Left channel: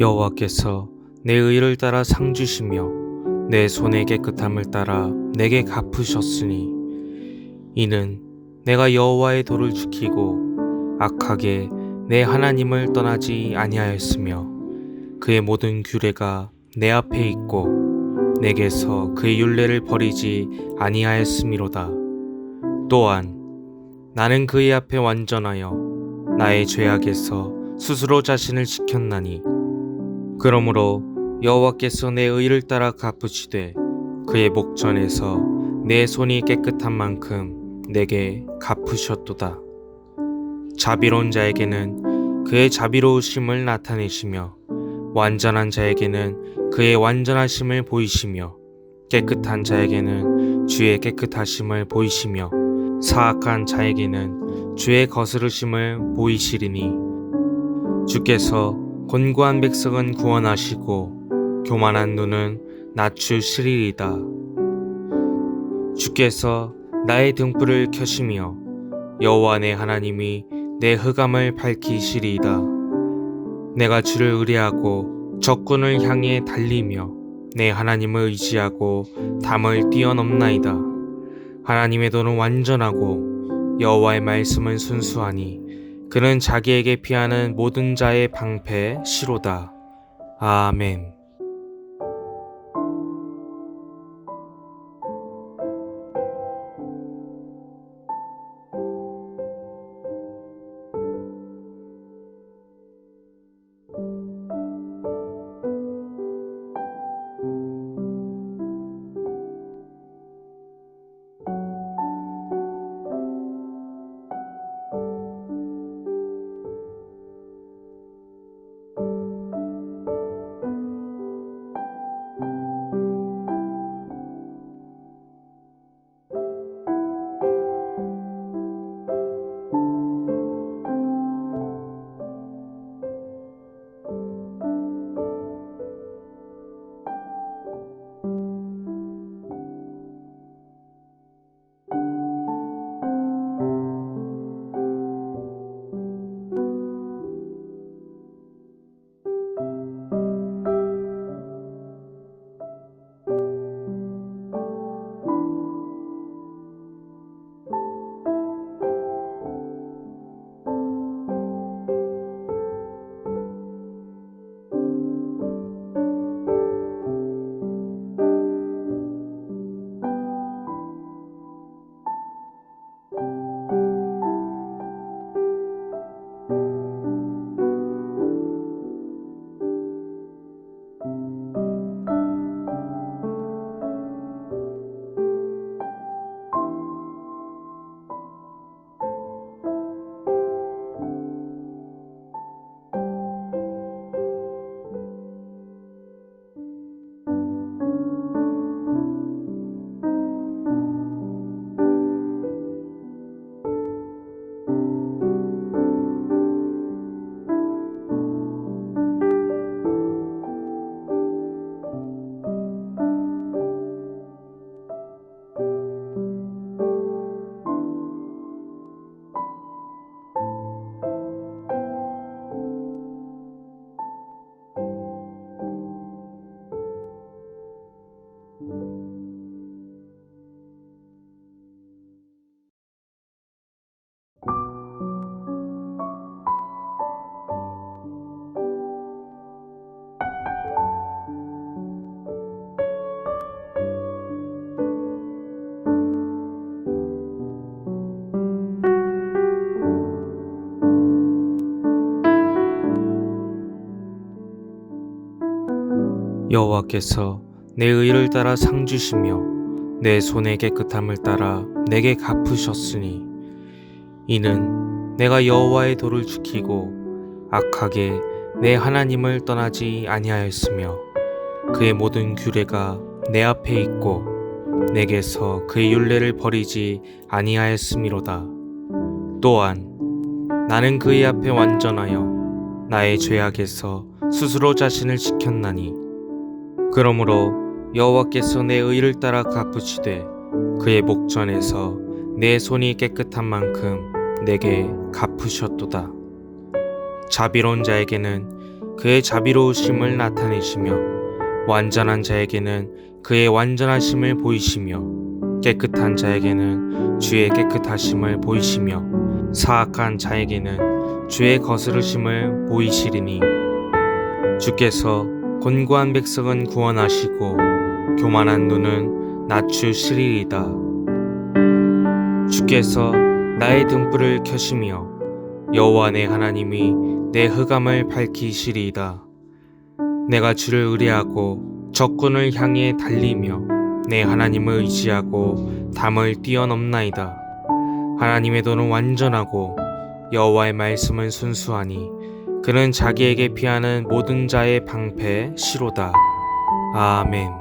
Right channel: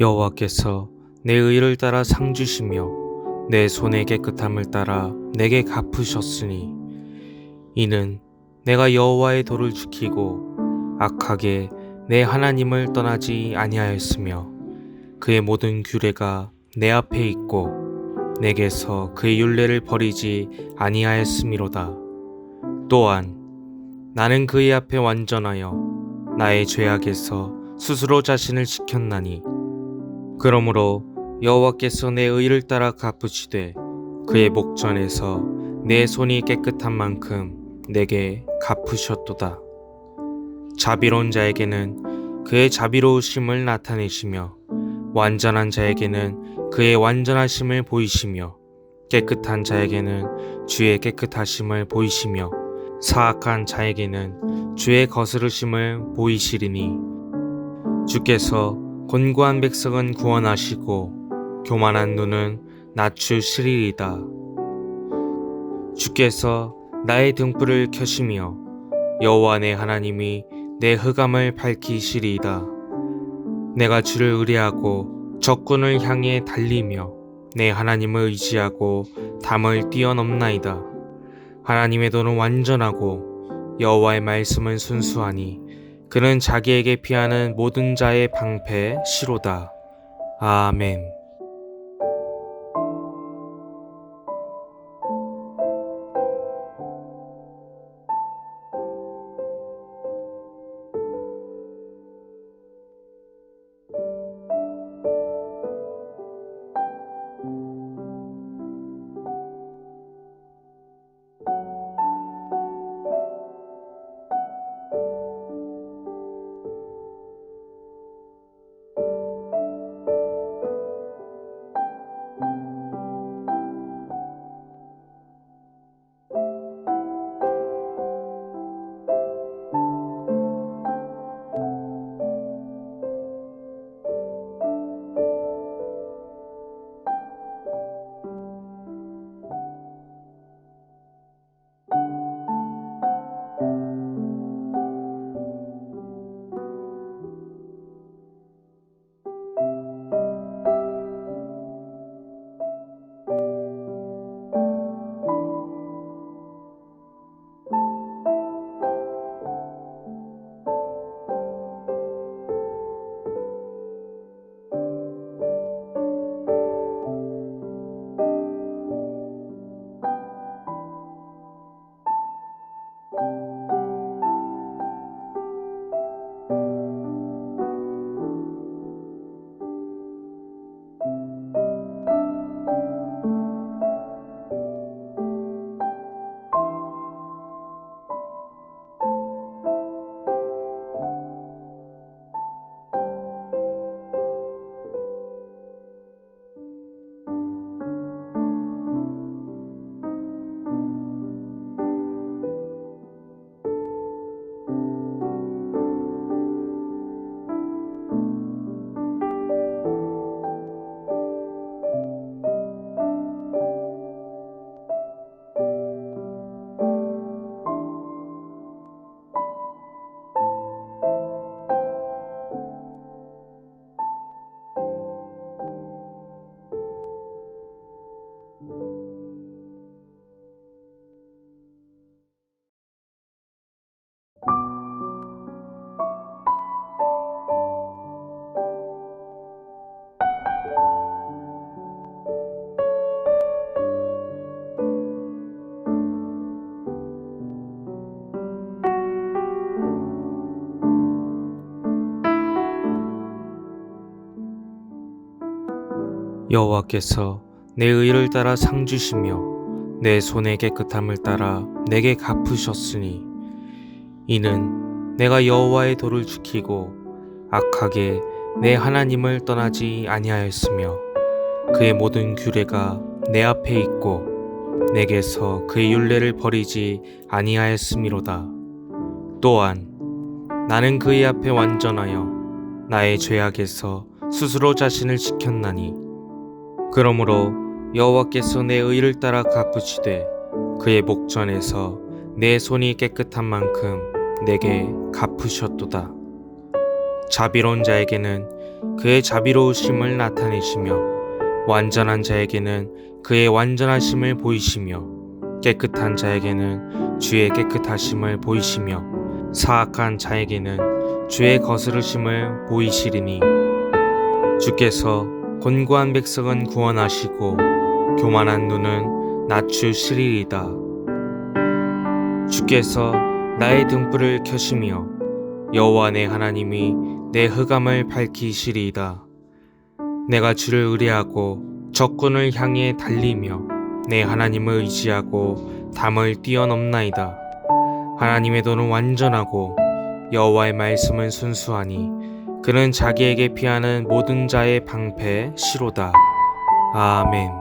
여호와께서 내 의를 따라 상 주시며 내 손의 깨끗함을 따라 내게 갚으셨으니 이는 내가 여호와의 도를 지키고 악하게 내 하나님을 떠나지 아니하였으며 그의 모든 규례가 내 앞에 있고 내게서 그의 율례를 버리지 아니하였음이로다. 또한 나는 그의 앞에 완전하여 나의 죄악에서 스스로 자신을 지켰나니 그러므로 여호와께서 내 의를 따라 갚으시되 그의 목전에서 내 손이 깨끗한 만큼 내게 갚으셨도다. 자비로운 자에게는 그의 자비로우심을 나타내시며 완전한 자에게는 그의 완전하심을 보이시며 깨끗한 자에게는 주의 깨끗하심을 보이시며 사악한 자에게는 주의 거스르심을 보이시리니 주께서 곤고한 백성은 구원하시고 교만한 눈은 낮추시리이다. 주께서 나의 등불을 켜시며 여호와 내 하나님이 내 흑암을 밝히시리이다. 내가 주를 의뢰하고 적군을 향해 달리며 내 하나님을 의지하고 담을 뛰어넘나이다. 하나님의 도는 완전하고 여호와의 말씀은 순수하니 그는 자기에게 피하는 모든 자의 방패 시로다. 아멘. 여호와께서 내 의를 따라 상 주시며 내 손의 깨끗함을 따라 내게 갚으셨으니 이는 내가 여호와의 도를 지키고 악하게 내 하나님을 떠나지 아니하였으며 그의 모든 규례가 내 앞에 있고 내게서 그의 율례를 버리지 아니하였음이로다. 또한 나는 그의 앞에 완전하여 나의 죄악에서 스스로 자신을 지켰나니 그러므로 여호와께서 내 의를 따라 갚으시되 그의 목전에서 내 손이 깨끗한 만큼 내게 갚으셨도다. 자비로운 자에게는 그의 자비로우심을 나타내시며 완전한 자에게는 그의 완전하심을 보이시며 깨끗한 자에게는 주의 깨끗하심을 보이시며 사악한 자에게는 주의 거스르심을 보이시리니 주께서 곤고한 백성은 구원하시고 교만한 눈은 낮추시리이다. 주께서 나의 등불을 켜시며 여호와 내 하나님이 내 흑암을 밝히시리이다. 내가 주를 의뢰하고 적군을 향해 달리며 내 하나님을 의지하고 담을 뛰어넘나이다. 하나님의 도는 완전하고 여호와의 말씀은 순수하니 그는 자기에게 피하는 모든 자의 방패 시로다. 아멘.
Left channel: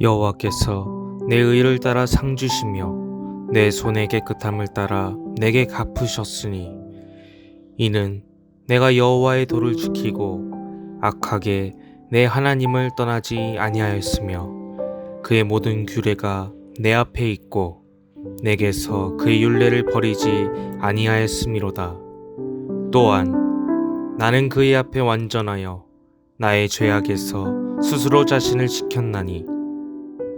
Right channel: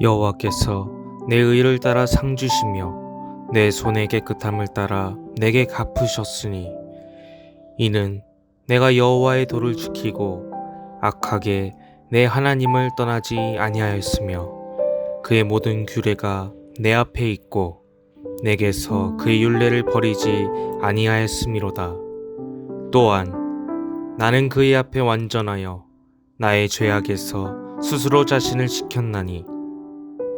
여호와께서 내 의를 따라 상 주시며 내 손의 깨끗함을 따라 내게 갚으셨으니 이는 내가 여호와의 도를 지키고 악하게 내 하나님을 떠나지 아니하였으며 그의 모든 규례가 내 앞에 있고 내게서 그의 율례를 버리지 아니하였음이로다. 또한 나는 그의 앞에 완전하여 나의 죄악에서 스스로 자신을 지켰나니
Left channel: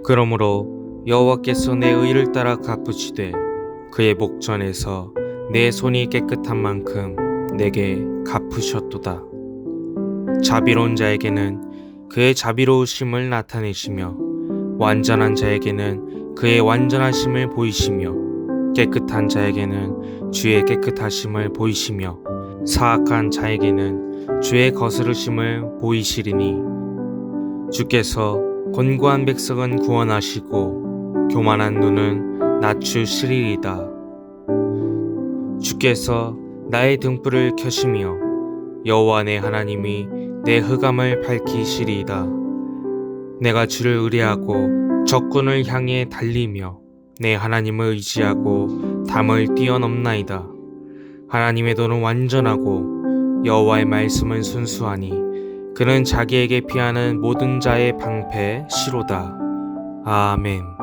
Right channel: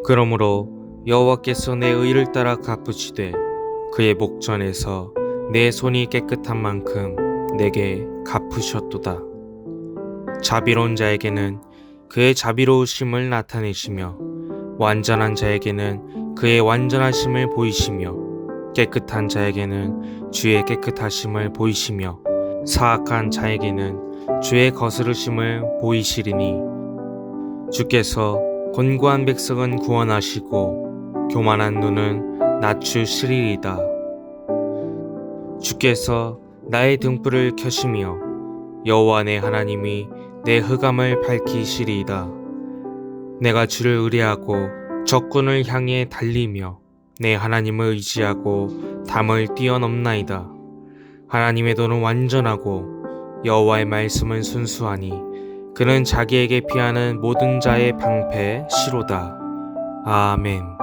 그러므로 여호와께서 내 의를 따라 갚으시되 그의 목전에서 내 손이 깨끗한 만큼 내게 갚으셨도다. 자비로운 자에게는 그의 자비로우심을 나타내시며 완전한 자에게는 그의 완전하심을 보이시며 깨끗한 자에게는 주의 깨끗하심을 보이시며 사악한 자에게는 주의 거스르심을 보이시리니 주께서 곤고한 백성은 구원하시고 교만한 눈은 낮추시리이다. 주께서 나의 등불을 켜시며 여호와 내 하나님이 내 흑암을 밝히시리이다. 내가 주를 의뢰하고 적군을 향해 달리며 내 하나님을 의지하고 담을 뛰어넘나이다. 하나님의 도는 완전하고 여호와의 말씀은 순수하니 그는 자기에게 피하는 모든 자의 방패 시로다. 아멘.